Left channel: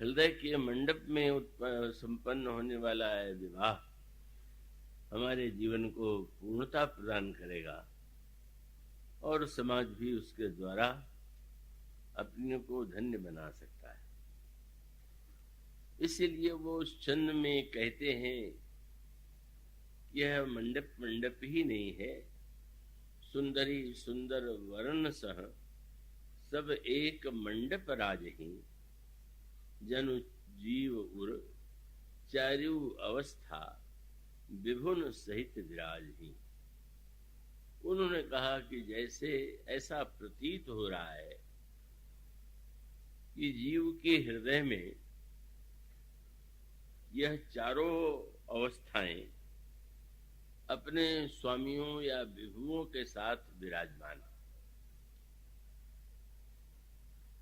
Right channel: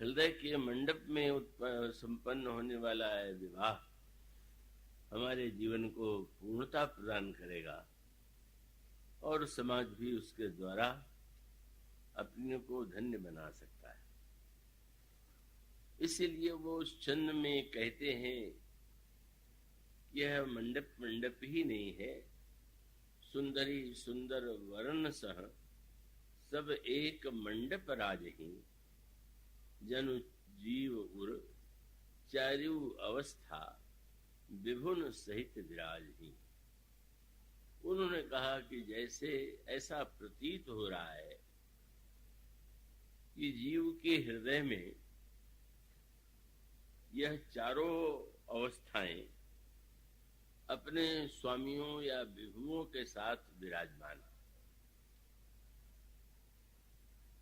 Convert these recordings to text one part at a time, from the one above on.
हृदय के मंडप में संपन्न होने वाला है विवाह हमारे जीवन को पूर्णता प्रदान करेगा और समाज भी उसके द्वारा अपने को धन्य बना सकता है। इसीलिए वो उस छंद में कहते हैं यह मंडप मंडप ही नहीं है, सुंदरी सुंदर वर्ण सह सब एक मंडप राज ही, जनु जीव उर चारु अवस्था विभुन सहित विराज ही। उन्होंने कहा कि जैसे ऐसा प्रतीत हो रहा है कि जीव के हृदय में यह चारों अवस्थाएं अपने स्वामियों या विभुओं के साथ विराजमान।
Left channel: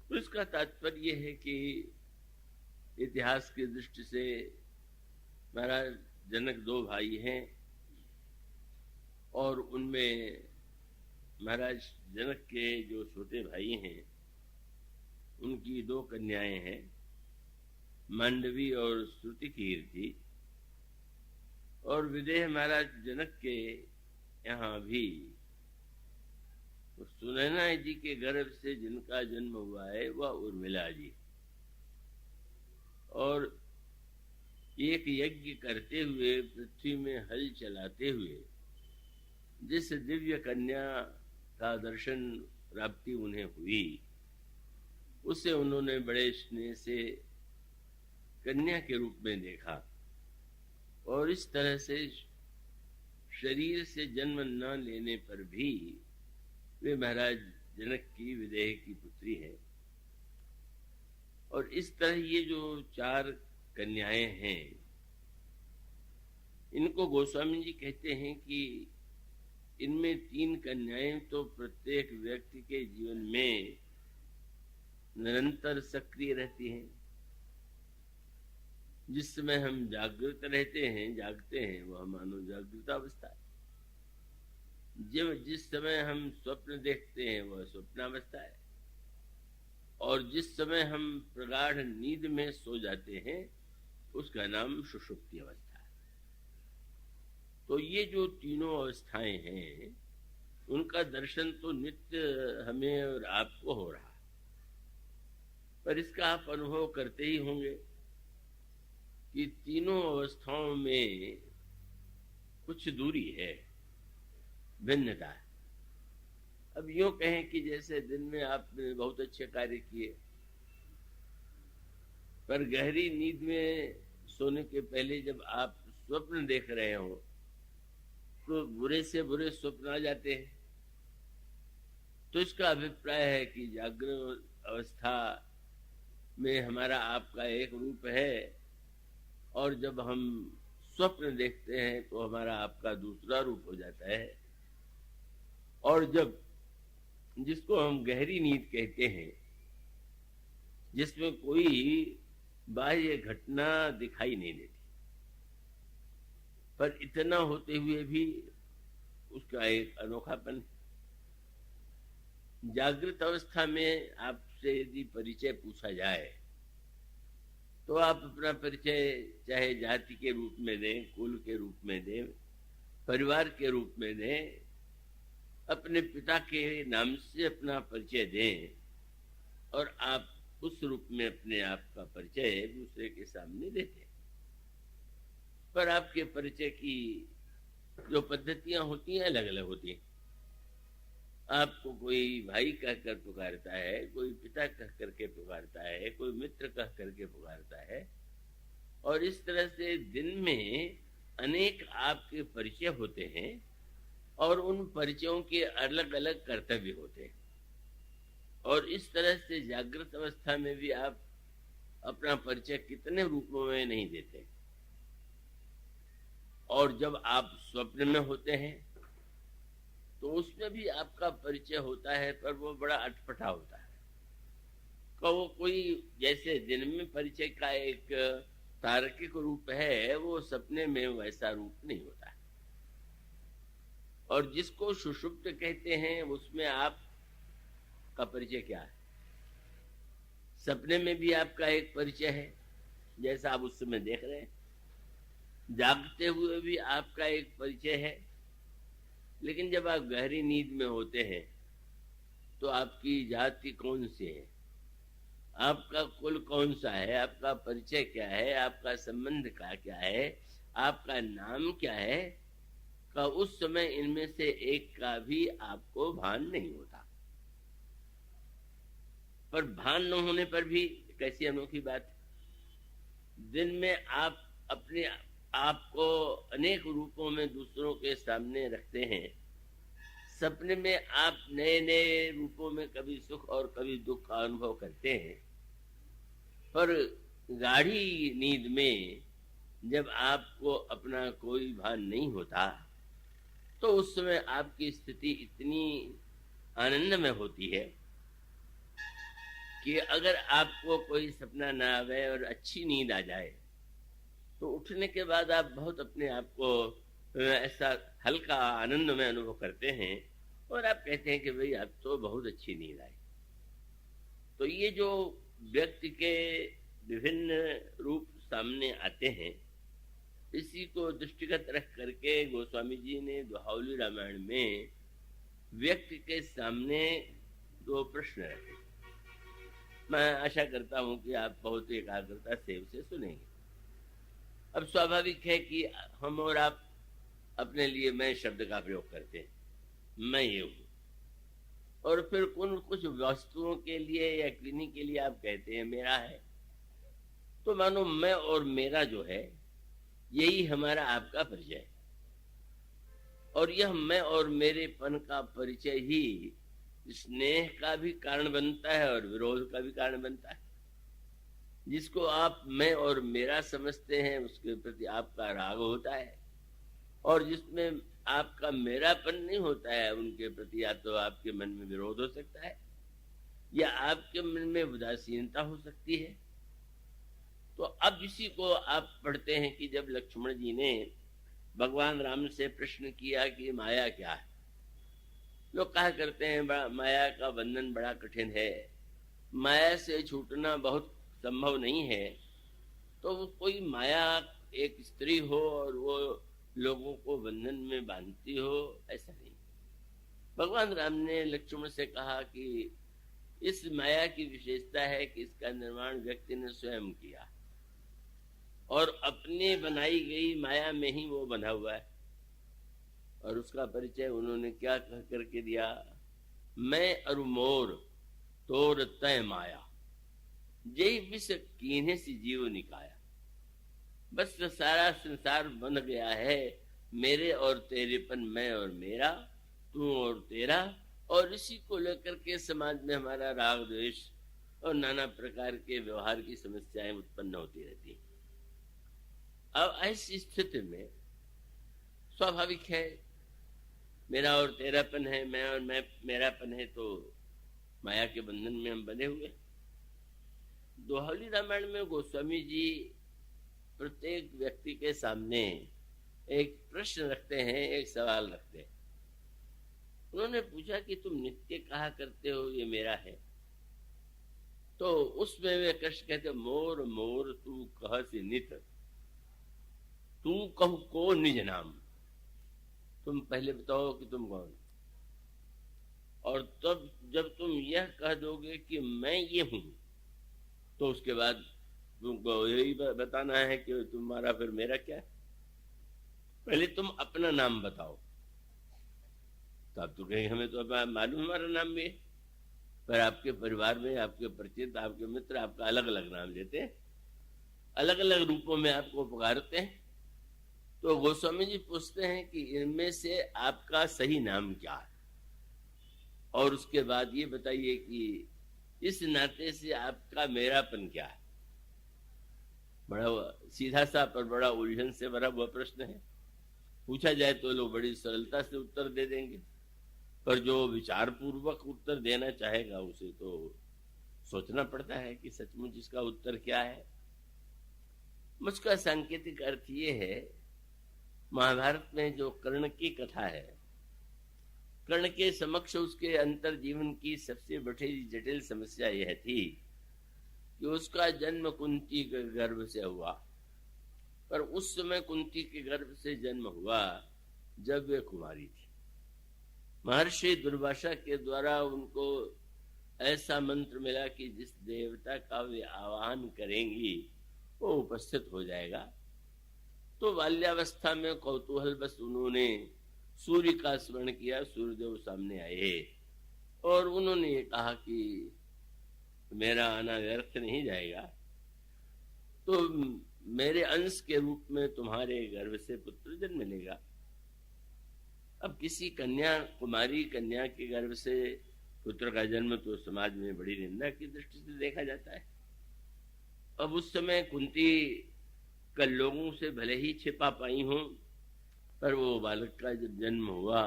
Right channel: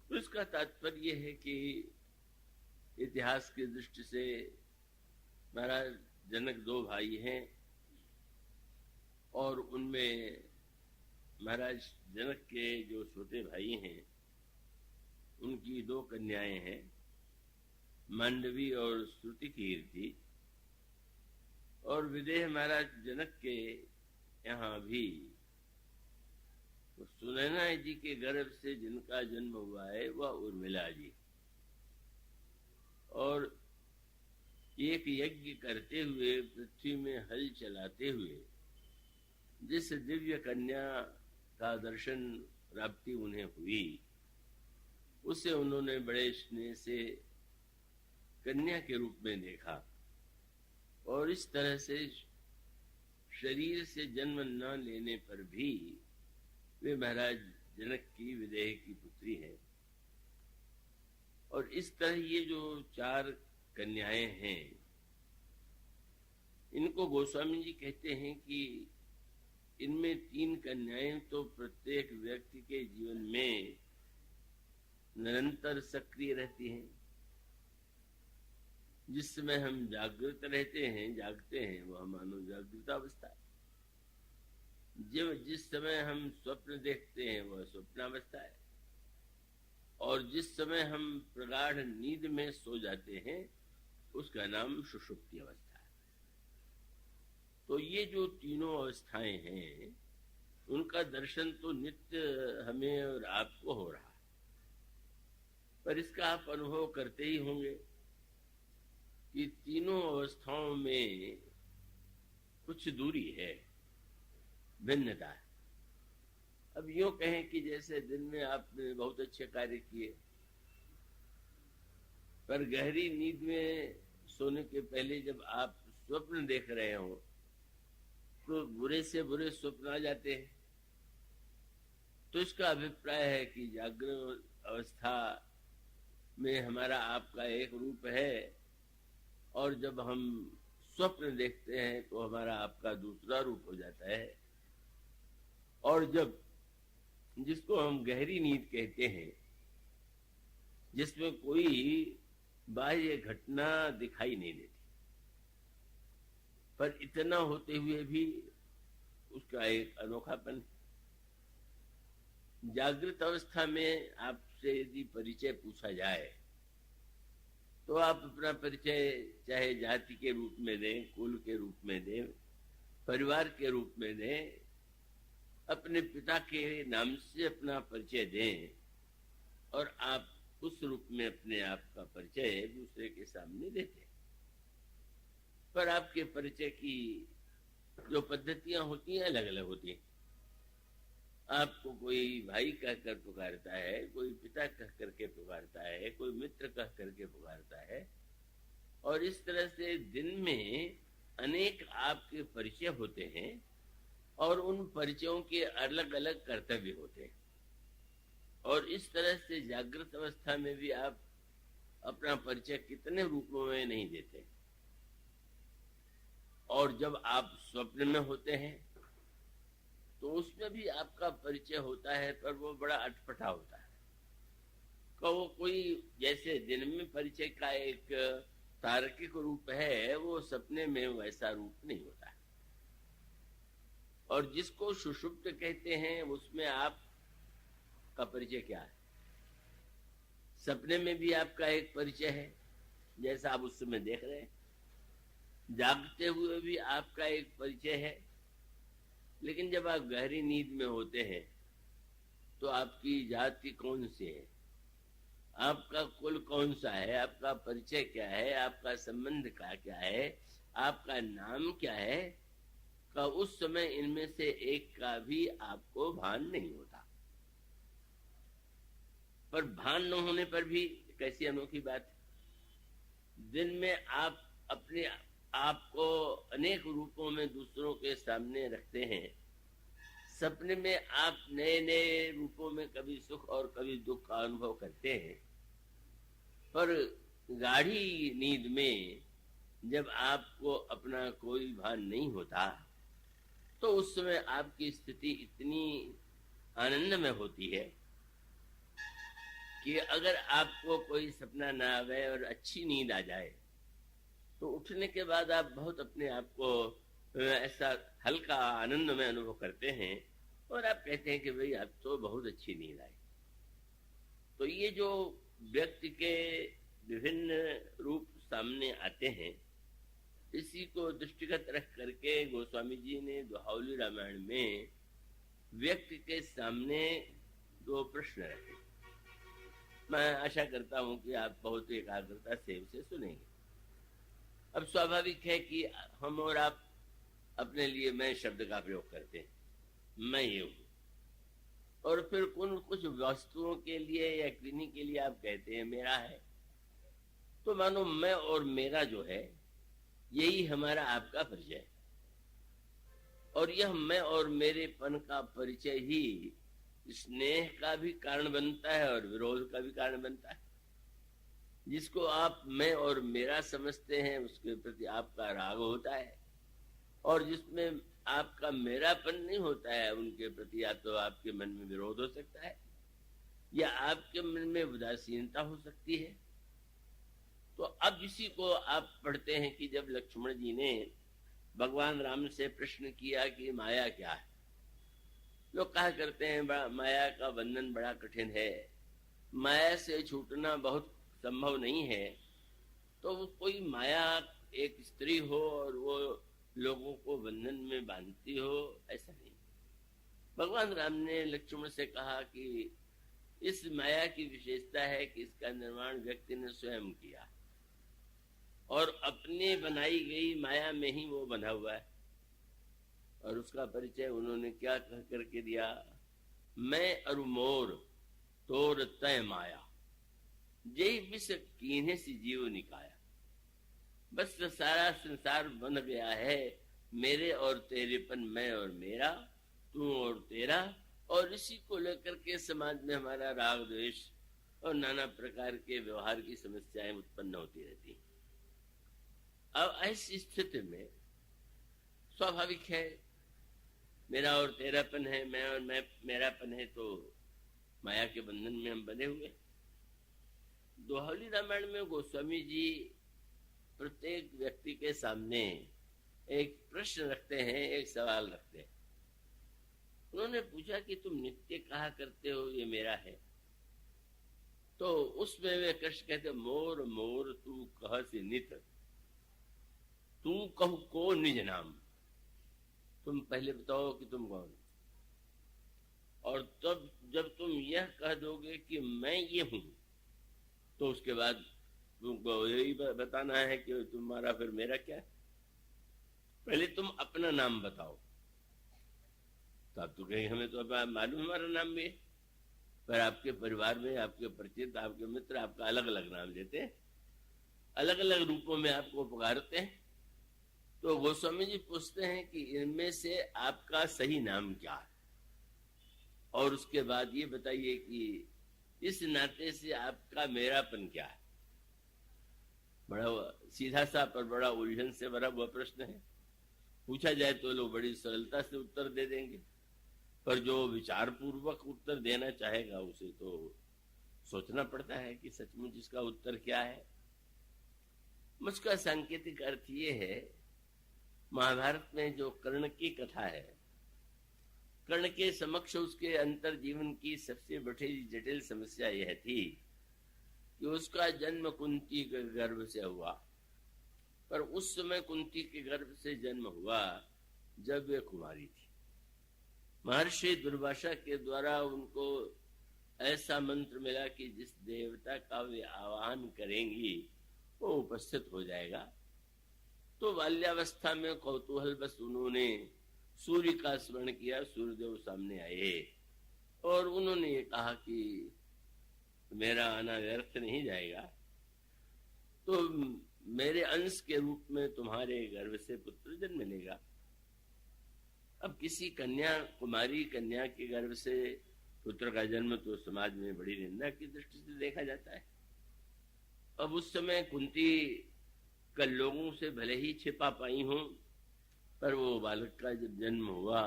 तो इसका तात्पर्य है कि इतिहास की दृष्टि से महाराज जनक दो भाई हैं और उनमें महाराज जनक के जो छोटे भाई हैं उनकी दो कन्याएं हैं, मांडवी और श्रुतिकीर्ति। और विदेह महाराज जनक के यहाँ भी सुनैना जी के गर्भ से जिनका जन्म हुआ है वह उर्मिला जी, और एक यज्ञ करते हुए पृथ्वी में हल चलाते हुए जिस दिव्य कन्या का दर्शन प्राप्ति उन्हें हुई उसे उन्होंने बड़े स्नेह से कन्या के रूप में देखा और इस तरह से शरीर से जन्म न लेने पर भी वे महाराज जनक की विदेह की पुत्री है। और इस तरह ये जो चार कन्याएं हैं इनको गोस्वामी जी कहते हैं कि इनमें तीन कन्याएं तो प्रत्येक व्यक्ति के जीवन में निरंतर सक्रिय रहती हैं। जिस समय हम जागृत रहते हैं, जागते हैं, वह मानो जागृत अवस्था है। जब जिस समय हम स्वप्न देखते हैं वह स्वप्नावस्था है, और जिस समय हम प्रगाढ़ नींद में सो जाते हैं उसका नाम सुषुप्ति अवस्था है। तो ये जो तीनों अवस्थाएं हैं उनका दर्शन तो नित्य हमें और आपको हो रहा है, पर इसका आप अनुभव करते ही होंगे कि तीनों अवस्थाओं में कुछ दूरी है, भिन्नता है। अब यूं कहें कि जैसे दिन में आपने बहुत अच्छे कार्य किए, पर गहरी नींद में सोने के पहले जब आप स्वप्न देख रहे हो तो बुरे से बुरे स्वप्न आ जाते हैं। तो इसका अभिप्राय है कि जागृत अवस्था में हमारा आपका एक रूप है, और जब हम स्वप्न देखते हैं तो हमारा आपका दूसरा रूप हो जाता है। और जब जिसको हम गहरी नींद कहते हैं, जिसमें कोई बाह्य घटना दिखाई नहीं देती, पर इतना होते हुए भी उसका एक अनोखापन है। जागृत अवस्था में आपसे यदि परिचय पूछा जाए तो आप अपना परिचय चाहे जाति के रूप में दें, कुल के रूप में दें, परिवार के रूप में दें, अपने पिता के नाम से अपना परिचय दें, और आप उस रूप में अपने आप का परिचय दूसरे के सामने देते हैं। पर आपके परिचय की जो पद्धतियां होती हैं अलग अलग होती हैं। आपको कोई भाई कहकर पुकारता है, कोई पिता कह करके पुकारता है, कोई मित्र कह करके पुकारता है, और इस तरह से दिन में अनेक आपके परिचय होते हैं और उन परिचयों के अलग अलग कर्तव्य होते हैं। और इस तरह से जागृत अवस्था में भी आप अपना परिचय कितने रूपों में नहीं देते, और जब आप स्वप्न में होते हैं तो उसमें भी आपका परिचय होता है, पर वो बड़ा अटपटा होता है। तो वो कोई जैसे दिन में परिचय का एक तार्किक रूप है, वो सपने में वैसा रूप नहीं होता है। और जिसको सुषुप्त कहते हैं उसमें आप का परिचय क्या है? सपने में भी आपका एक परिचय है, जैसा आप उस समय देख रहे हैं। जागते हुए भी आपका एक परिचय है। लेकिन जब आप गहरी नींद में होते हैं तो आपकी जाति कौन सी है, आपका कुल कौन सा है, आपका परिचय क्या है, आपका संबंध का क्या है, आपका नाम क्या है, का उस समय इनमें से एक का भी आपको भान नहीं होता। पर भान न होने पर भी कैसी अनोखी बात है। दिन में आप अपने आप को अनेक रूपों में दूसरों के सामने रखते हैं। सपने में आप नए नए रूपों में कभी सुख और कभी दुख का अनुभव करते हैं। पर गाढ़ी नींद में जब आपको अपना कोई भान नहीं होता तो उस समय आपकी स्थिति इतनी आनंद में होती है कि अगर आपको कोई सपना ना आवे और अच्छी नींद आ जाए तो उठने के बाद आप बहुत अपने आप को ऐसा हल्का आनंद में अनुभव करते हैं और आप कहते हैं कि भाई अब तो बहुत अच्छी नींद आई। तो ये जो व्यक्ति के विभिन्न रूप सामने आते हैं, इसी को दृष्टिगत रख करके गोस्वामी जी ने दोहावली रामायण में व्यक्ति के सामने दो प्रश्न रखे। मैं आशा करता हूं कि आप बहुत एकाग्रता से उसे सुनेंगे। अब स्वाभाविक है कि हम और आप अपने लिए मैं शब्द का प्रयोग करते हैं, मैं ये हूं, और फिर कुछ वस्तुओं के लिए या किन्हीं के लिए आप कहते हैं मेरा है। तो मानो मैं और मेरा जो है यही हमारा आपका परिचय है, और यह मैं और मेरेपन का परिचय ही स्नेह का भी कारण बनता है और विरोध का भी कारण बनता है। जिसको आप मैं और मेरा समझते हैं उसके प्रति आपका राग होता है, और जिसमें आपका मेरापन नहीं होता है उनके प्रति या तो आपके मन में विरोध हो सकता है या आपके मन में उदासीनता हो सकती है। तो अब इसी को आप पढ़ते हैं कि जब लक्ष्मण जी ने भगवान राम से प्रश्न किया कि माया क्या है। लोग कहा करते हैं माया का बंधन बड़ा कठिन है, माया से छूटना बहुत संभव नहीं है। तो वो कोई माया एक स्त्री हो और वो लोगों को बंधन में बांधती हो, ऐसा नहीं। भगवान राम ने लक्ष्मण से कहा कि इस माया की विशेषता है कि इसका निर्माण व्यक्ति ने स्वयं किया और अपने बनाई गई माया में ही वो बंधा हुआ है। और उसका परिचय उन्होंने क्या कह करके दिया, मैं अरु मोर तोर तय माया जय विष कीन्हे से जीव निकाया। बस सारा संसार बन गया है मेरे और तेरेपन, मैं और मेरा, तू और तेरा, और इसी को लेकर के समाज में हमारा राग द्वेष और नाना प्रकार के व्यवहार की समस्याएं उत्पन्न होती रहती हैं। अब ऐसी स्थिति में स्वाभाविक है मेरा और तेरापन है, मैं और मेरापन है, तो माया के बंधन में हम बने हुए। दोहावली रामायण में गोस्वामी जी प्रत्येक व्यक्ति के सामने एक प्रश्न रखते हैं, एक सवाल रखते हैं। उन्होंने पूछा कि तुम नित्य कहा करते हो ये मेरा है, तो उसमें वे कृष्ण कहते मोर मोर तू कह से नित, तू कहू को निज नाम। तुम पहले बताओ कि तुम कौन, और तब जब तुम यह कह दोगे कि मैं ये हूं, तो उसके बाद तुमको यही बताना है कि तुम्हारा फिर मेरा क्या है। पहले तुम अपना नाम बताओ, तब तो कहीं हमें तो मालूम हमारा नाम भी है, पर आपके परिवार में आपके परिचित, आपके मित्र आपका अलग अलग नाम देते हैं, अलग अलग रूपों में आपको पुकारते हैं। तो गोस्वामी जी पूछते हैं कि इनमें से आपका सही नाम क्या है, और उसके बाद ये बताइए कि इस नाते से आपका मेरापन क्या है। बड़ा सीधा सा पर बड़ा उलझन से भरा हुआ प्रश्न है। पूछा जाए तो लोग बड़ी सरलता से उत्तर दे देंगे, पर जो विचार पूर्वक उत्तर देना चाहेगा उसे तो सोचना पड़ता है कि सचमुच इसका उत्तर क्या है। मुझका सांकेतिक अर्थ ये है, महाभारत में जो कर्ण की कथा है, कर्ण के समक्ष उसके अंतर जीवन की सबसे बड़ी जटिल समस्या यह थी कि उसका जन्म कुंती के गर्भ से हुआ, पर उस समय कुंती के गर्भ से जन्म हुआ जब वे कुमारी थी। महर्षि दुर्वासा के द्वारा उनको ऐसा मंत्र मिला कि जिस देवता का वे आवाहन करेंगी वो उपस्थित हो जाएगा। तो बाल्यावस्था में कौतूहल बस उन्होंने सूर्य का स्मरण किया। सूर्यदेव सामने आए और उन्होंने कहा कि मेरा आना व्यर्थ नहीं जाएगा, तो मेरे अंश के रूप में तुम्हारे गर्भ से पुत्र जन्म लेगा। अब किसी कन्या, कुमारी कन्या के गर्भ से पुत्र का जन्म तो समाज में बड़ी निंदा की दृष्टि से देखा जाता है। अब उस समय कुंती का लोगों से भले ही छिपा पाई हो, पर वो बालक का जब जन्म हुआ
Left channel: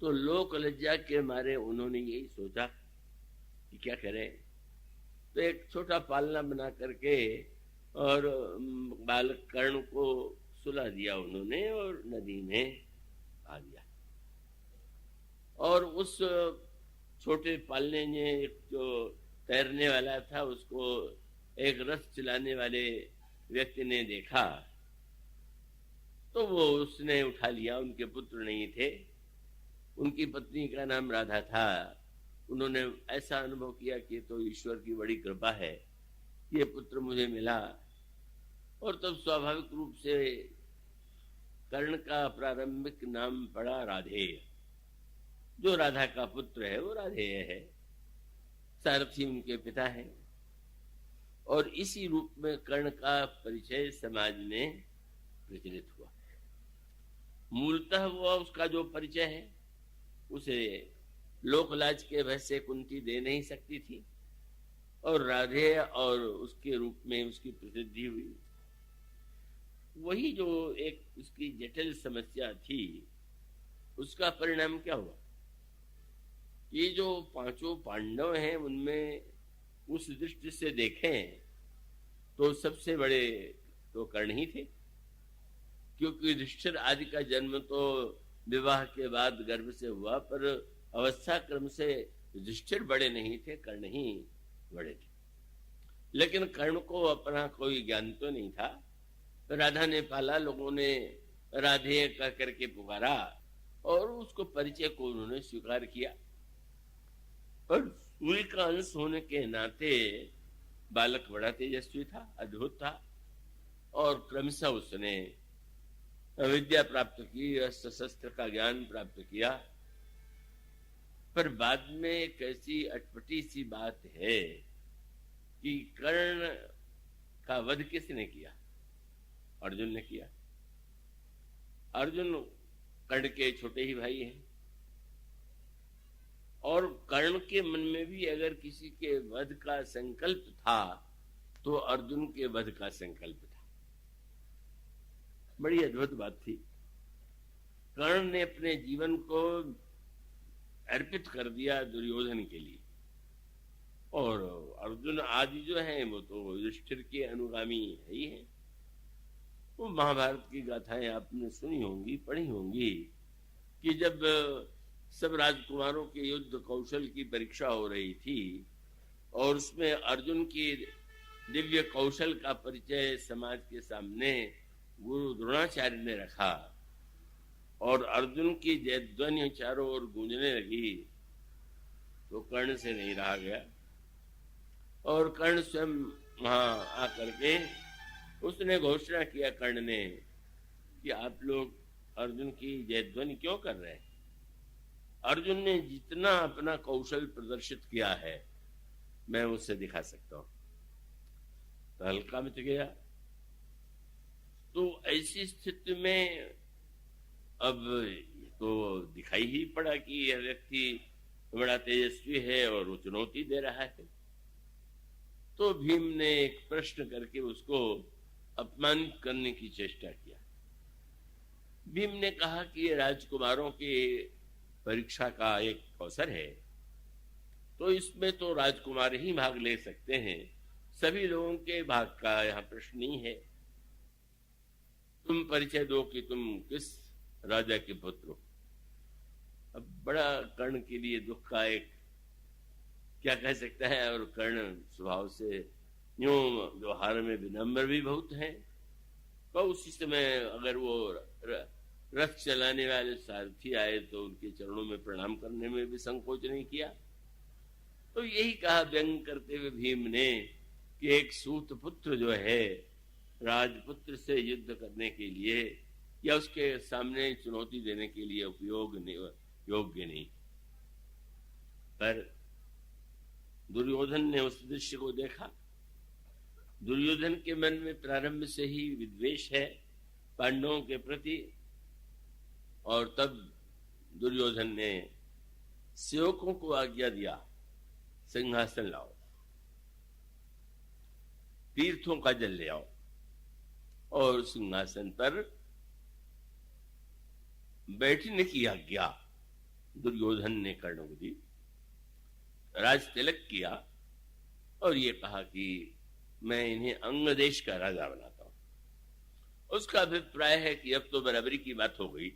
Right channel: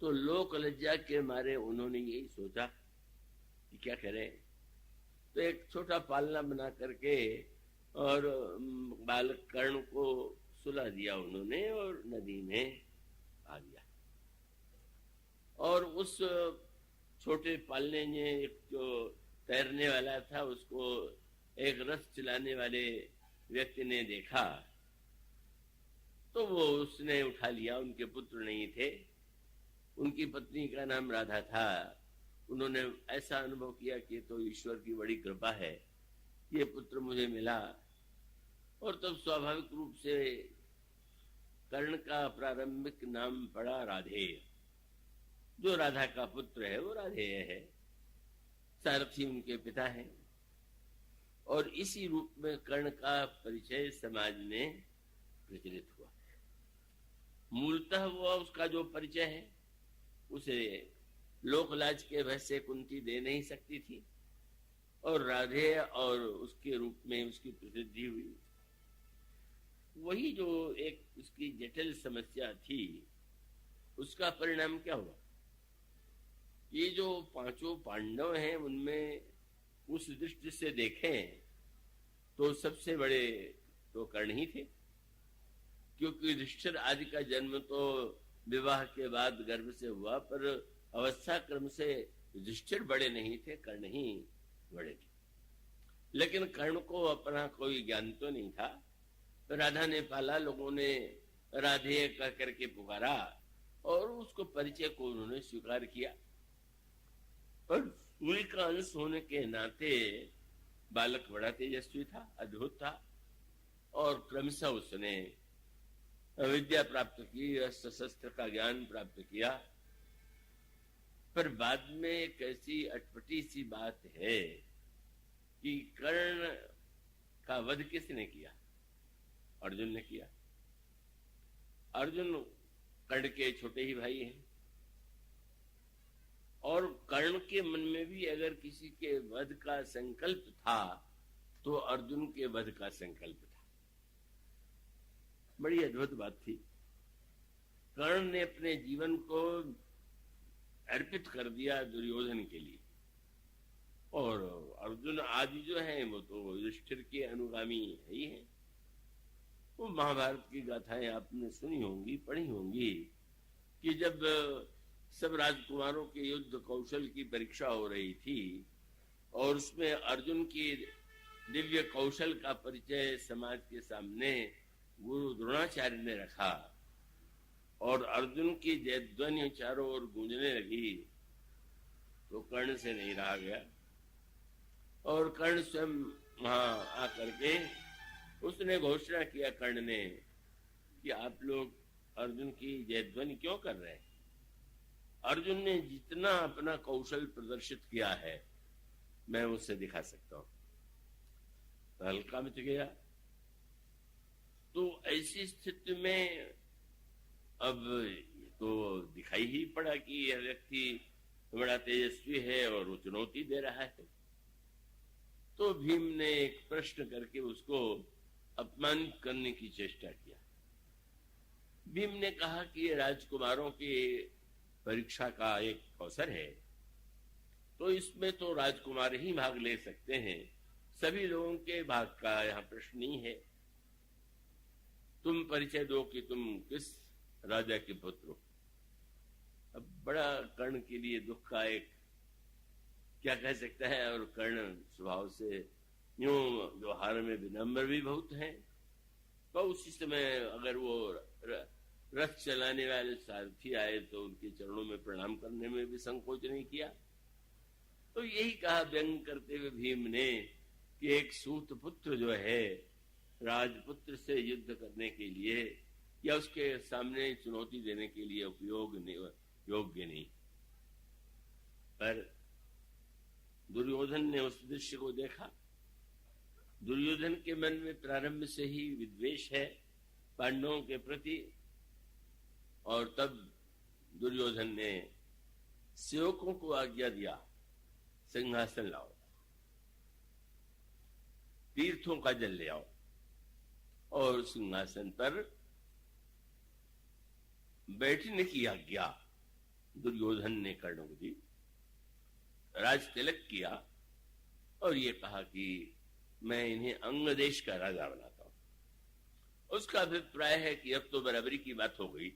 तो लोक लज्जा के मारे उन्होंने यही सोचा कि क्या करें, तो एक छोटा पालना बना करके और बालक कर्ण को सुला दिया उन्होंने और नदी में आ गया। और उस छोटे पालने ने जो तैरने वाला था उसको एक रथ चलाने वाले व्यक्ति ने देखा, तो वो उसने उठा लिया। उनके पुत्र नहीं थे, उनकी पत्नी का नाम राधा था। उन्होंने ऐसा अनुभव किया कि तो ईश्वर की बड़ी कृपा है, ये पुत्र मुझे मिला। और तब स्वाभाविक रूप से कर्ण का प्रारंभिक नाम पड़ा राधेय। जो राधा का पुत्र है वो राधेय है, सारथी उनके पिता है। और इसी रूप में कर्ण का परिचय समाज में प्रचलित हुआ। मूलतः वो उसका जो परिचय है उसे लोकलाज के भय से कुंती दे नहीं सकती थी, और राधेय और उसके रूप में उसकी प्रसिद्धि हुई। वही जो एक उसकी जटिल समस्या थी, उसका परिणाम क्या हुआ? ये जो पांचों पांडव हैं उनमें उस दृष्टि से देखें तो सबसे बड़े तो कर्ण ही थे, क्योंकि युधिष्ठिर आदि का जन्म तो विवाह के बाद गर्भ से हुआ, पर अवस्था क्रम से युधिष्ठिर बड़े नहीं थे, कर्ण ही बड़े थे। लेकिन कर्ण को अपना कोई ज्ञान तो नहीं था। राधा ने पाला, लोगों ने राधे कह करके पुकारा और उसको परिचय को उन्होंने स्वीकार किया। और सूर्य का अंश होने के नाते बालक बड़ा तेजस्वी था, अद्भुत था, और क्रमशः उसने विद्या प्राप्त की, अस्त्र शस्त्र का ज्ञान प्राप्त किया। पर बाद में एक ऐसी अटपटी सी बात है कि कर्ण का वध किसने किया? अर्जुन ने किया। अर्जुन कर्ण के छोटे ही भाई हैं, और कर्ण के मन में भी अगर किसी के वध का संकल्प था तो अर्जुन के वध का संकल्प था। बड़ी अद्भुत बात थी। कर्ण ने अपने जीवन को अर्पित कर दिया दुर्योधन के लिए, और अर्जुन आदि जो हैं वो तो युधिष्ठिर के अनुगामी ही हैं। वो महाभारत की गाथाएं आपने सुनी होंगी, पढ़ी होंगी, कि जब सब राजकुमारों के युद्ध कौशल की परीक्षा हो रही थी और उसमें अर्जुन की दिव्य कौशल का परिचय समाज के सामने गुरु द्रोणाचार्य ने रखा और अर्जुन की जयध्वनि चारों ओर गूंजने लगी, तो कर्ण से नहीं रहा गया और कर्ण स्वयं वहां आकर के उसने घोषणा किया, कर्ण ने, कि आप लोग अर्जुन की जयध्वनि क्यों कर रहे हैं? अर्जुन ने जितना अपना कौशल प्रदर्शित किया है मैं उससे दिखा सकता हूं। तो हल्का मिट गया। तो ऐसी स्थिति में अब तो दिखाई ही पड़ा कि यह व्यक्ति बड़ा तेजस्वी है और वो चुनौती दे रहा है। तो भीम ने एक प्रश्न करके उसको अपमानित करने की चेष्टा किया। भीम ने कहा कि राजकुमारों की परीक्षा का एक अवसर है, तो इसमें तो राजकुमार ही भाग ले सकते हैं, सभी लोगों के भाग का यहाँ प्रश्न नहीं है। तुम परिचय दो कि तुम किस राजा के पुत्र हो। अब बड़ा कर्ण के लिए दुख का एक क्या कह सकता है, और कर्ण स्वभाव से यूं व्यवहार में विनम्र भी बहुत हैं। तो उसी समय अगर वो रथ चलाने वाले सारथी आए तो उनके चरणों में प्रणाम करने में भी संकोच नहीं किया। तो यही कहा व्यंग करते हुए भीम ने कि एक सूत पुत्र जो है राजपुत्र से युद्ध करने के लिए या उसके सामने चुनौती देने के लिए योग्य नहीं। पर दुर्योधन ने उस दृश्य को देखा। दुर्योधन के मन में प्रारंभ से ही विद्वेष है पांडवों के प्रति, और तब दुर्योधन ने सेवकों को आज्ञा दिया, सिंहासन लाओ, तीर्थों का जल ले आओ, और सिंहासन पर बैठने की आज्ञा दुर्योधन ने कर्ण को दी। राज तिलक किया और ये कहा कि मैं इन्हें अंग देश का राजा बनाता हूं। उसका अभिप्राय है कि अब तो बराबरी की बात हो गई,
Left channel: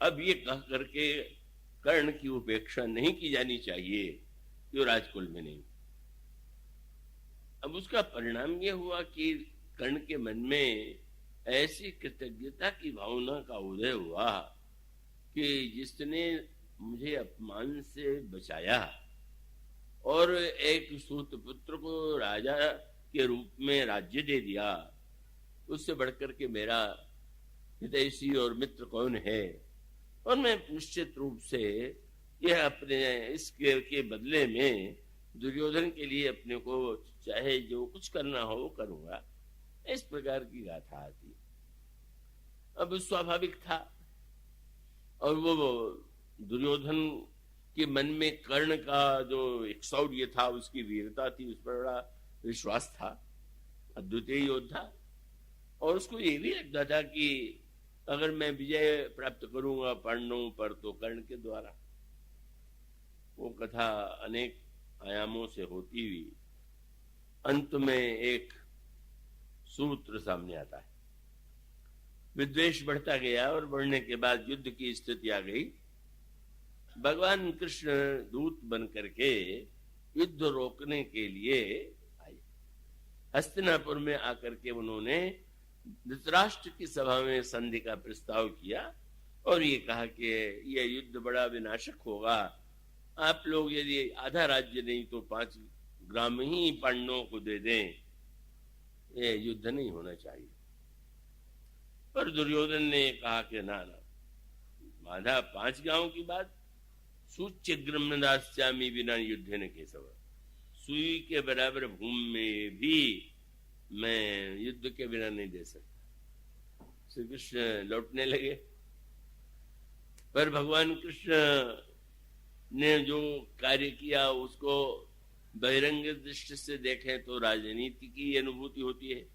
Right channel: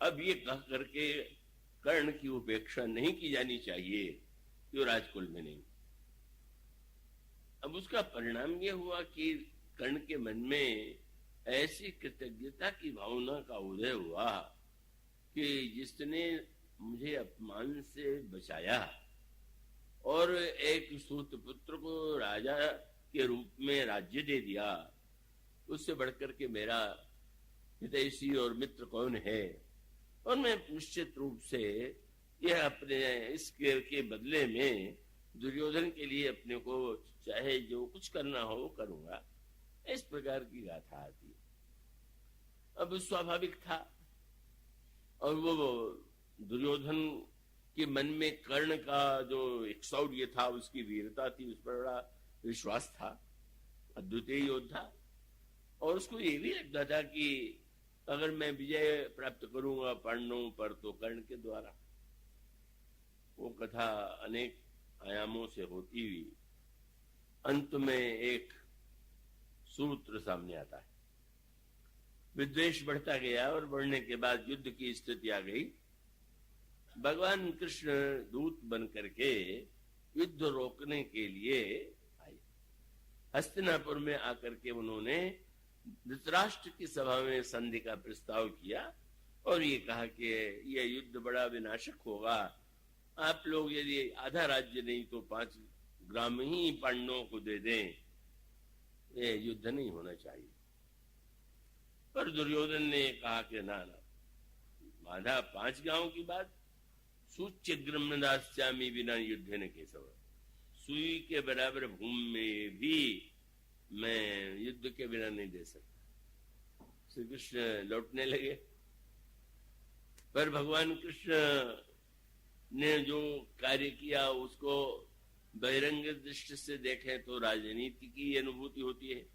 अब ये कह करके कर्ण की उपेक्षा नहीं की जानी चाहिए जो राजकुल में नहीं। अब उसका परिणाम ये हुआ कि कर्ण के मन में ऐसी कृतज्ञता की भावना का उदय हुआ कि जिसने मुझे अपमान से बचाया और एक सूत पुत्र को राजा के रूप में राज्य दे दिया, उससे बढ़कर के मेरा हितैषी और मित्र कौन है। और मैं निश्चित रूप से यह अपने इसके बदले में दुर्योधन के लिए अपने को चाहे जो कुछ करना हो वो करूंगा, इस प्रकार की गाथा आती। अब स्वाभाविक था, और वो दुर्योधन के मन में कर्ण का जो एक शौर्य था, उसकी वीरता थी, उस पर बड़ा विश्वास था, अद्वितीय योद्धा। और उसको ये भी लगता था कि अगर मैं विजय प्राप्त करूंगा पांडवों पर तो कर्ण के द्वारा। वो कथा अनेक आयामों से होती हुई अंत में एक सूत्र सामने आता है। विद्वेष बढ़ता गया और बढ़ने के बाद युद्ध की स्थिति आ गई। भगवान कृष्ण दूत बन करके युद्ध रोकने के लिए आए। हस्तिनापुर में आकर के उन्होंने धृतराष्ट्र की सभा में संधि का प्रस्ताव किया और ये कहा कि यह युद्ध बड़ा विनाशक होगा। आप लोग यदि आधा राज्य नहीं तो 5 ग्राम ही पांडवों को दे दें, ये युद्ध नहीं होना चाहिए। पर दुर्योधन ने कहा कि ना, आधा 5 गांव की बात, सूच्य ग्रमदास्यामी बिना युद्ध ने केशव, सुई के बराबर भूमि में भी मैं युद्ध के बिना नहीं दे सकता। श्री कृष्ण लौटने लगे, पर भगवान कृष्ण ने जो कार्य किया उसको बहिरंग दृष्टि से देखें तो राजनीति की अनुभूति होती है,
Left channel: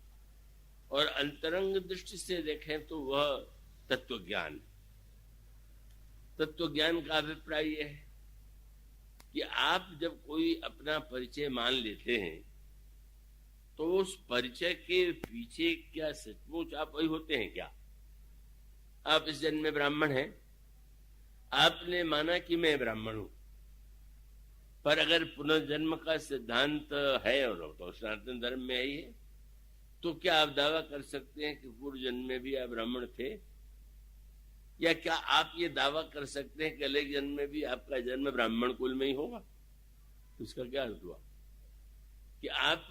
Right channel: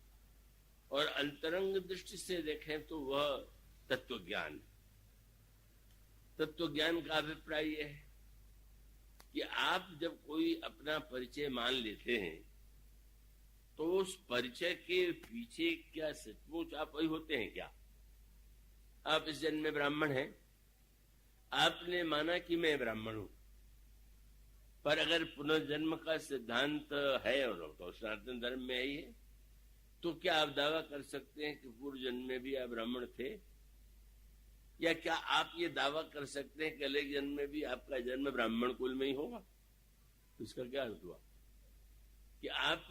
और अंतरंग दृष्टि से देखें तो वह तत्वज्ञान। तत्वज्ञान का अभिप्राय यह है कि आप जब कोई अपना परिचय मान लेते हैं तो उस परिचय के पीछे क्या सचमुच आप वही होते हैं क्या? आप इस जन्म में ब्राह्मण हैं, आपने माना कि मैं ब्राह्मण हूं, पर अगर पुनर्जन्म का सिद्धांत है और तो सनातन धर्म में ही है, तो क्या आप दावा कर सकते हैं कि पूर्व जन्म में भी आप ब्राह्मण थे? या क्या आप ये दावा कर सकते हैं कि अगले जन्म में भी आपका जन्म ब्राह्मण कुल में ही होगा? इसका क्या अर्थ हुआ कि आप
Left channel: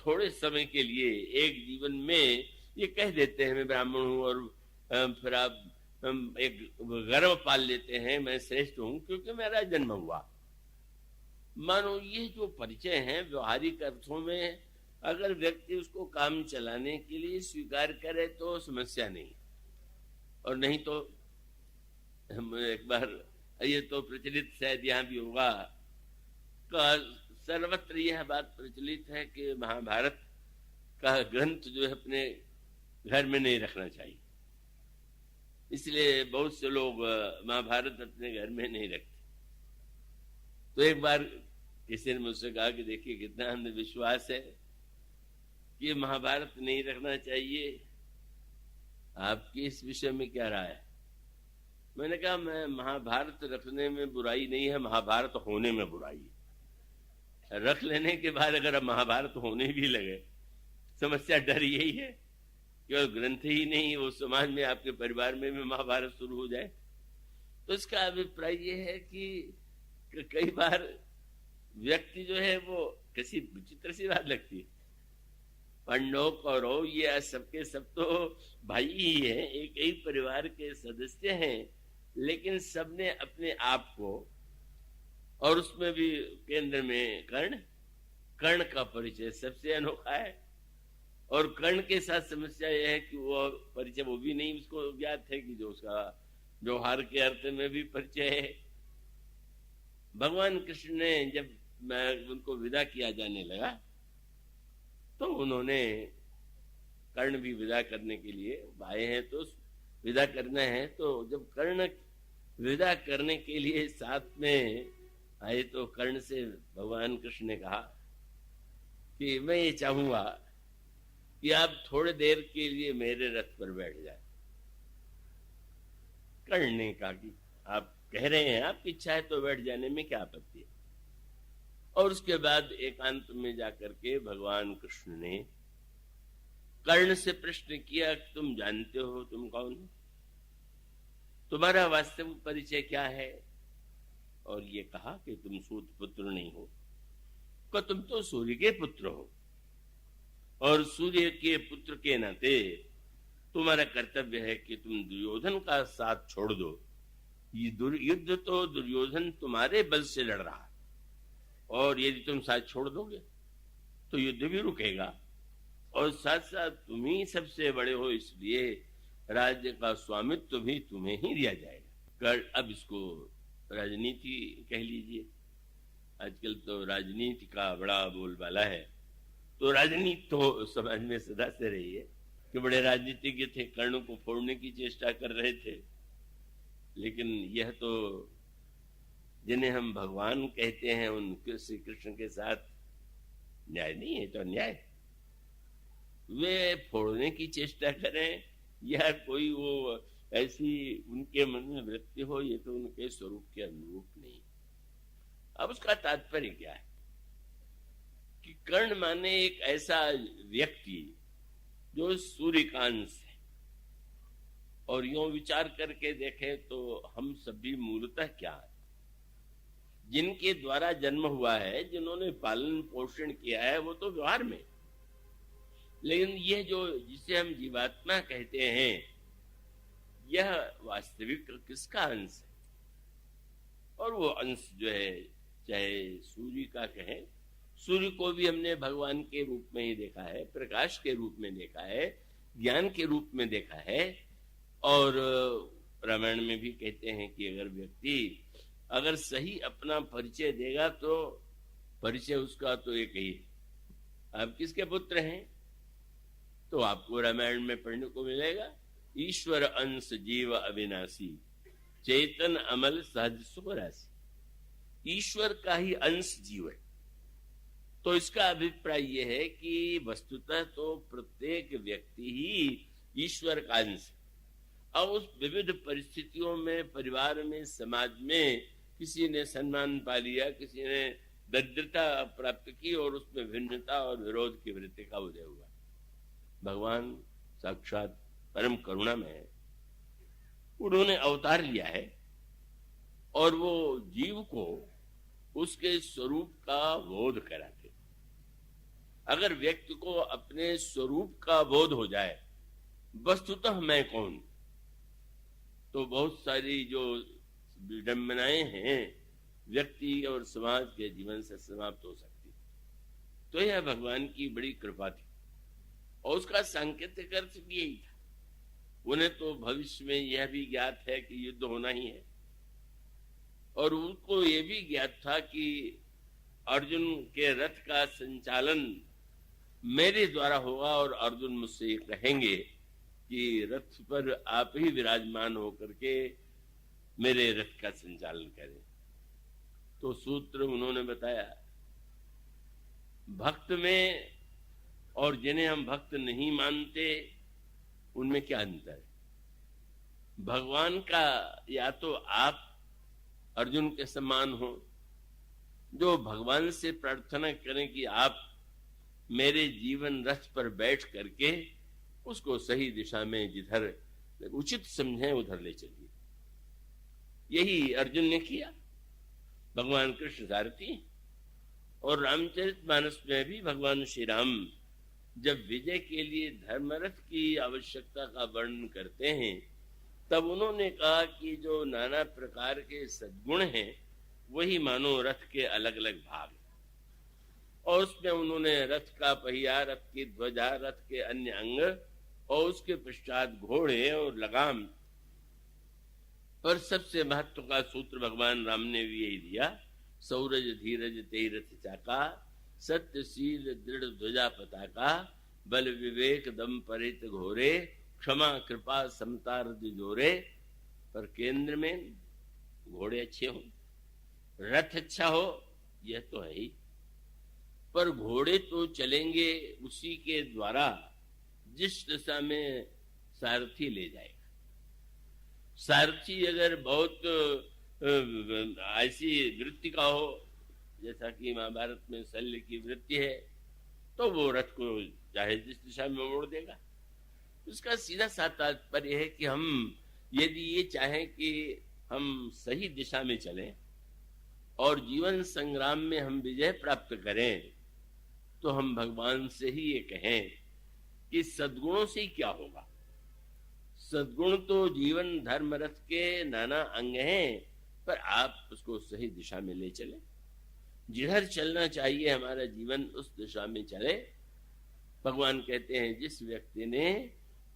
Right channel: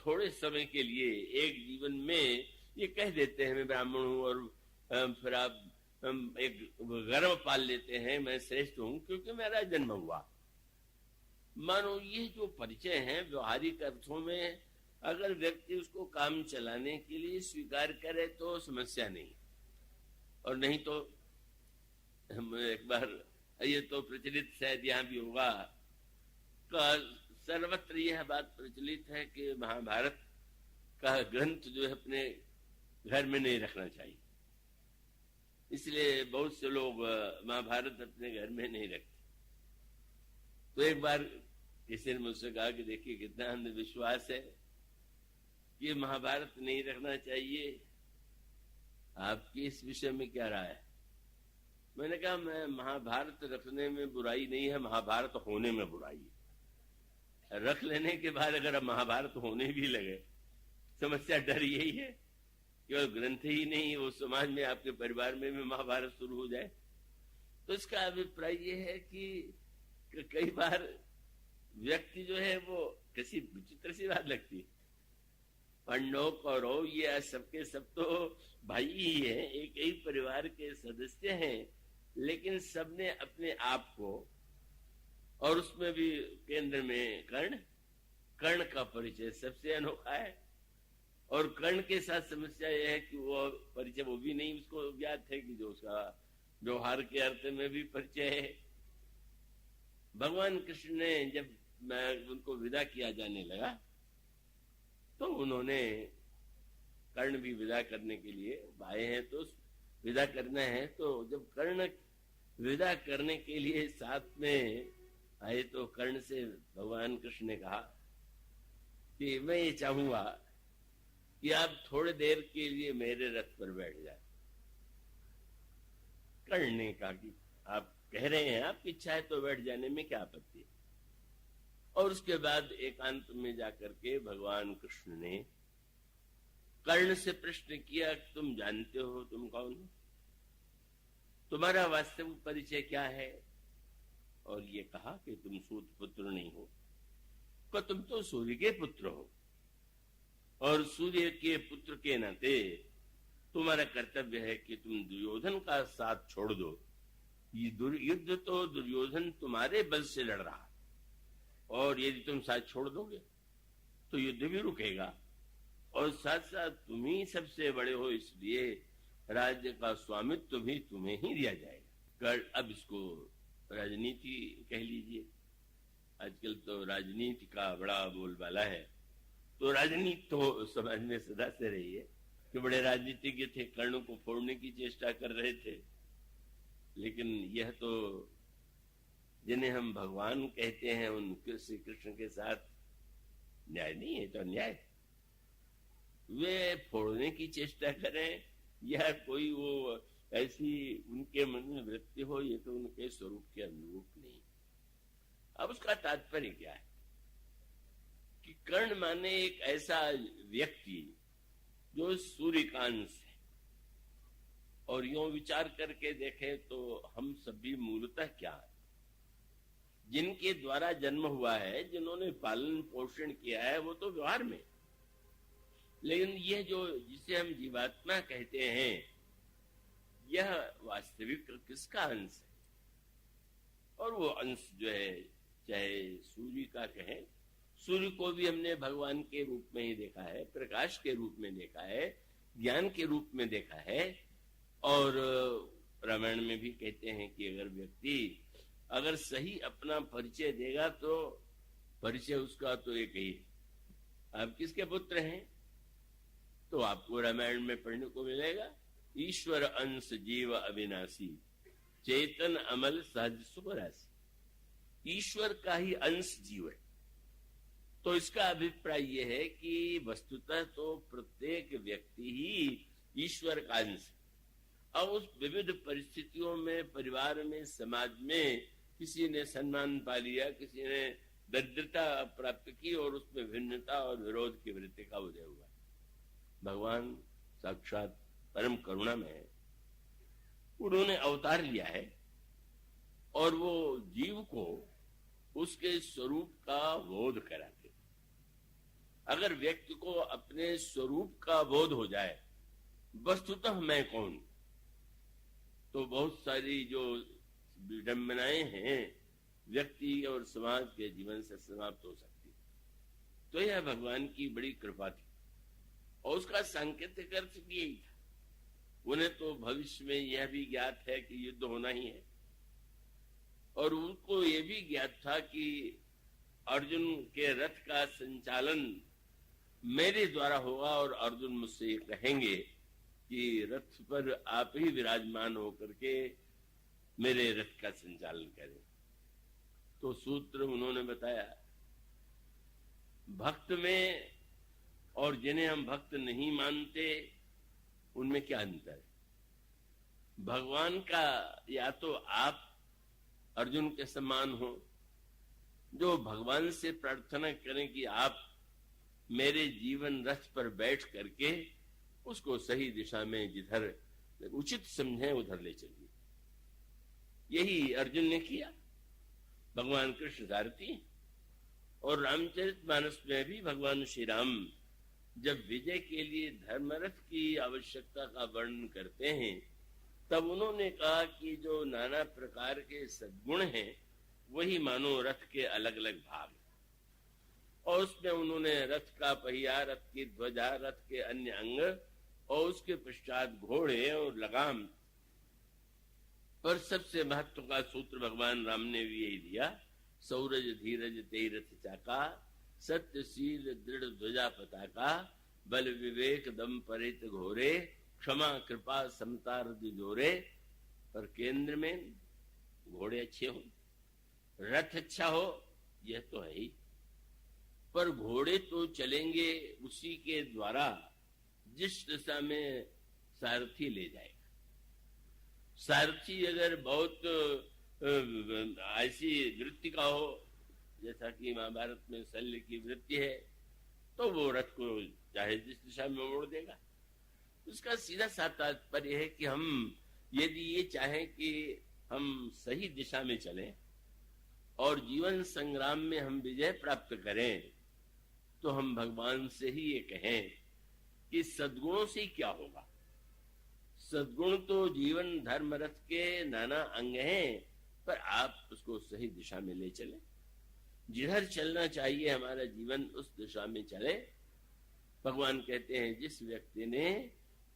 थोड़े समय के लिए एक जीवन में ये कह देते हैं मैं ब्राह्मण हूं, और फिर आप एक गर्व पाल लेते हैं मैं श्रेष्ठ हूं क्योंकि मेरा जन्म हुआ। मानो ये जो परिचय है व्यवहारिक अर्थों में अगर व्यक्ति उसको काम चलाने के लिए स्वीकार करे तो समस्या नहीं, और नहीं तो एक बार ये तो प्रचलित शायद यहाँ भी होगा, सर्वत्र यह बात प्रचलित है कि महाभारत का ग्रंथ जो है अपने घर में नहीं रखना चाहिए, इसलिए बहुत से लोग महाभारत अपने घर में नहीं रखते। तो एक बार किसी ने मुझसे कहा कि देखिए कितना अंधविश्वास है कि महाभारत नहीं रखना चाहिए, आपकी इस विषय में क्या राय है? मैंने कहा मैं महाभारत रखने में बुराई नहीं है, महाभारत होने में बुराई है। रख लेने के बाद अगर अब महाभारत होने भी लगे, समस्या डर यही है कि और ग्रंथ ही नहीं, वो समाज में आपके परिवार में भी महाभारत शुरू हो जाए। तो इसका अभिप्राय ये है कि कई बार व्यक्ति जो है वो किसी विचित्र सी बात लगती है, पांडव कौरव ये सबके सब तो भाई ही हैं, एक ही परिवार के सदस्य हैं, लेकिन सबने अपने आप को, और उसमें भी केंद्र में कर्ण का परिचय सबसे अनोखा है। और कर्ण के साथ समस्या यह है कि वो परिचय वो भी नहीं उसको ज्ञात है कि जो उसका व्यवहार के अर्थ में भी परिचय है। भगवान कृष्ण ने जब उनको विदा किया जाने लगा तो उन्होंने, कर्ण भी विदा करने के लिए आए हैं तो विदा करना है, तो जब कर्ण विदा करने के लिए साथ में आए तो कर्ण से भगवान कृष्ण ने कहा कि मैं ये चाहूंगा कि आप थोड़ी देर के लिए मेरे रथ पर बैठ जाए। कर्ण ने कहा कि आप कह रहे हैं, आपकी इच्छा है तो बैठ जाने में क्या आपत्ति है। और उसके बाद एकांत में जाकर के भगवान कृष्ण ने कर्ण से प्रश्न किया, तुम जानते हो तुम कौन हो, तुम्हारा वास्तविक परिचय क्या है। और ये कहा कि तुम सूत पुत्र नहीं हो, तो तुम तो सूर्य के पुत्र हो, और सूर्य के पुत्र के नाते तुम्हारा कर्तव्य है कि तुम दुर्योधन का साथ छोड़ दो। ये युद्ध तो दुर्योधन तुम्हारे बल से लड़ रहा है, और यदि तुम साथ छोड़ दोगे तो युद्ध भी रुकेगा, और साथ साथ तुम ही सबसे बड़े हो, इसलिए राज्य का स्वामित्व भी तुम्हें ही दिया जाएगा। अब इसको राजनीति कह लीजिए, आजकल तो राजनीति का बड़ा बोलबाला है। तो राजनीति तो समाज में सदा से रही है कि बड़े राजनीतिज्ञ थे, कर्ण को फोड़ने की चेष्टा कर रहे थे, लेकिन यह तो जिन्हें हम भगवान कहते हैं उनके श्री कृष्ण के साथ न्याय नहीं है, तो अन्याय। वे फोड़ने की चेष्टा करें या कोई वो ऐसी उनके मन में वृत्ति हो, ये तो उनके स्वरूप के अनुरूप नहीं। अब उसका तात्पर्य क्या है कि कर्ण माने एक ऐसा व्यक्ति जो सूर्य का अंश है, और यूं विचार करके देखें तो हम सभी मूलतः क्या है, जिनके द्वारा जन्म हुआ है, जिन्होंने पालन पोषण किया है, वो तो व्यवहार में, लेकिन यह जो जिसे हम जीवात्मा कहते हैं, यह वास्तविक किसका अंश है। और वो अंश जो है, चाहे सूर्य का कहें, सूर्य को भी हमने भगवान के रूप में ही देखा है, प्रकाश के रूप में देखा है, ज्ञान के रूप में देखा है। और रामायण में भी कहते हैं कि अगर व्यक्ति अगर सही अपना परिचय देगा तो परिचय उसका तो एक ही है, आप किसके पुत्र हैं, तो आपको रामायण में पढ़ने को मिलेगा, ईश्वर अंश जीव अविनाशी, चेतन अमल सहज सुख राशि। ईश्वर का ही अंश जीव है। तो इसका अभिप्राय यह है कि वस्तुतः तो प्रत्येक व्यक्ति ही ईश्वर का अंश है। अब उस विविध परिस्थितियों में, परिवार में, समाज में किसी ने सम्मान पा लिया, किसी ने दरिद्रता प्राप्त की, और उसमें भिन्नता और विरोध की वृत्ति का उदय हुआ। भगवान साक्षात परम करुणा में है, उन्होंने अवतार लिया है, और वो जीव को उसके स्वरूप का बोध कराते। अगर व्यक्ति को अपने स्वरूप का बोध हो जाए, वस्तुतः मैं कौन, तो बहुत सारी जो विडंबनाएं हैं व्यक्ति और समाज के जीवन से समाप्त हो सकती। तो यह भगवान की बड़ी कृपा थी, और उसका सांकेतिक अर्थ भी यही था। उन्हें तो भविष्य में यह भी ज्ञात है कि युद्ध होना ही है, और उनको यह भी ज्ञात था कि अर्जुन के रथ का संचालन मेरे द्वारा होगा, और अर्जुन मुझसे ये कहेंगे कि रथ पर आप ही विराजमान होकर के मेरे रथ का संचालन करें। तो सूत्र उन्होंने बताया, भक्त में और जिन्हें हम भक्त नहीं मानते उनमें क्या अंतर है। भगवान का या तो आप अर्जुन के समान हो, जो भगवान से प्रार्थना करें कि आप मेरे जीवन रथ पर बैठ करके उसको सही दिशा में जिधर उचित समझें उधर ले चलिए। यही अर्जुन ने किया। भगवान कृष्ण सारथी। और रामचरितमानस में भी भगवान श्री राम जब विजय के लिए धर्मरथ की आवश्यकता का वर्णन करते हैं तब उन्होंने कहा कि जो नाना प्रकार के सद्गुण हैं वही मानो रथ के अलग अलग भाग, और उसमें उन्होंने रथ का पहिया, रथ की ध्वजा, रथ के अन्य अंग और उसके पश्चात घोड़े और लगाम पर सबसे महत्व का सूत्र भगवान राम ने भी यही दिया, सौरज धीरज तेहि रथ चाका, सत्यशील दृढ़ ध्वजा पताका, बल विवेक दम परित घोरे, क्षमा कृपा समता हृदय जोरे। पर केंद्र में घोड़े अच्छे हो, रथ अच्छा हो, यह तो है ही, पर घोड़े तो चलेंगे उसी के द्वारा जिस दिशा में सारथी ले जाएगा। सारथी अगर बहुत ऐसी वृत्ति का हो जैसा कि महाभारत में शल्य की वृत्ति है तो वो रथ को चाहे जिस दिशा में मोड़ देगा। उसका सीधा सा तात्पर्य है कि हम यदि ये चाहें कि हम सही दिशा में चलें और जीवन संग्राम में हम विजय प्राप्त करें तो हम भगवान से ही ये कहें कि सद्गुणों से क्या होगा। सद्गुण तो जीवन धर्म रथ के नाना अंग हैं, पर आप उसको सही दिशा में ले चले। जिधर चलना चाहिए हमारा जीवन उस दिशा में चले। भगवान कहते हैं जिस व्यक्ति ने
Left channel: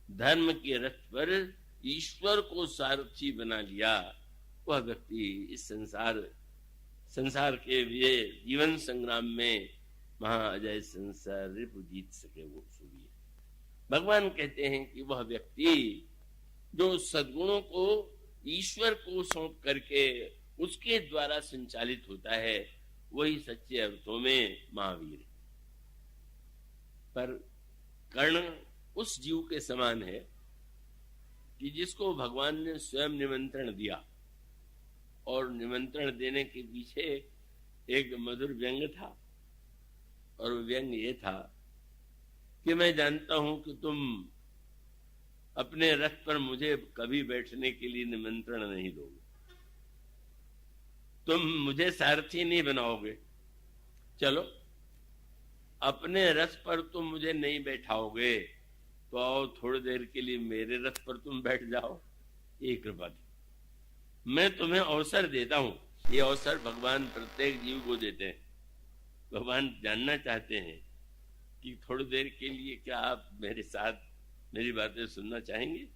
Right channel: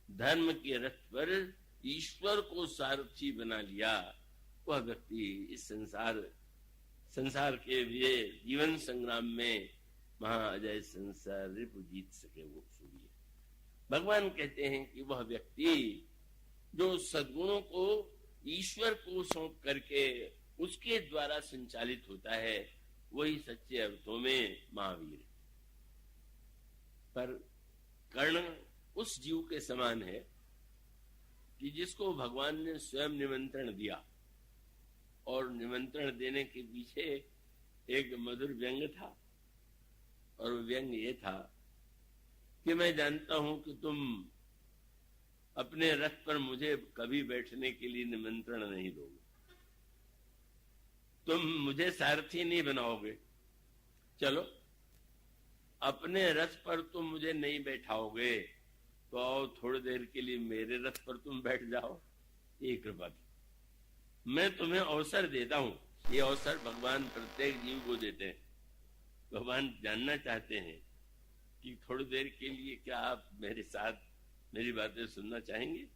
धर्म के रथ पर ईश्वर को सारथी बना लिया वह व्यक्ति इस संसार के लिए जीवन संग्राम में महाअजय संसार रिपु जीत सके वो सूर्य। भगवान कहते हैं कि वह व्यक्ति जो सद्गुणों को ईश्वर को सौंप करके उसके द्वारा संचालित होता है वही सच्चे अर्थों में महावीर। पर कर्ण उस जीव के समान है कि जिसको भगवान ने स्वयं निमंत्रण दिया, और निमंत्रण देने के पीछे एक मधुर व्यंग था, और व्यंग ये था कि मैं जानता हूं कि तुम अपने रथ पर मुझे कभी बैठने के लिए निमंत्रण नहीं दोगे, तुम मुझे सारथी नहीं बनाओगे, चलो अपने रथ पर तुम मुझे नहीं बैठाओगे तो आओ थोड़ी देर के लिए मेरे रथ पर तुम बैठ जाओ। ये कृपा थी। मैं तुम्हें अवसर देता हूं। ये अवसर भगवान प्रत्येक जीव को देते हैं। भगवान जानना चाहते हैं कि थोड़ी देर के लिए क्या आप मेरे साथ मेरी बातें सुनना चाहेंगे।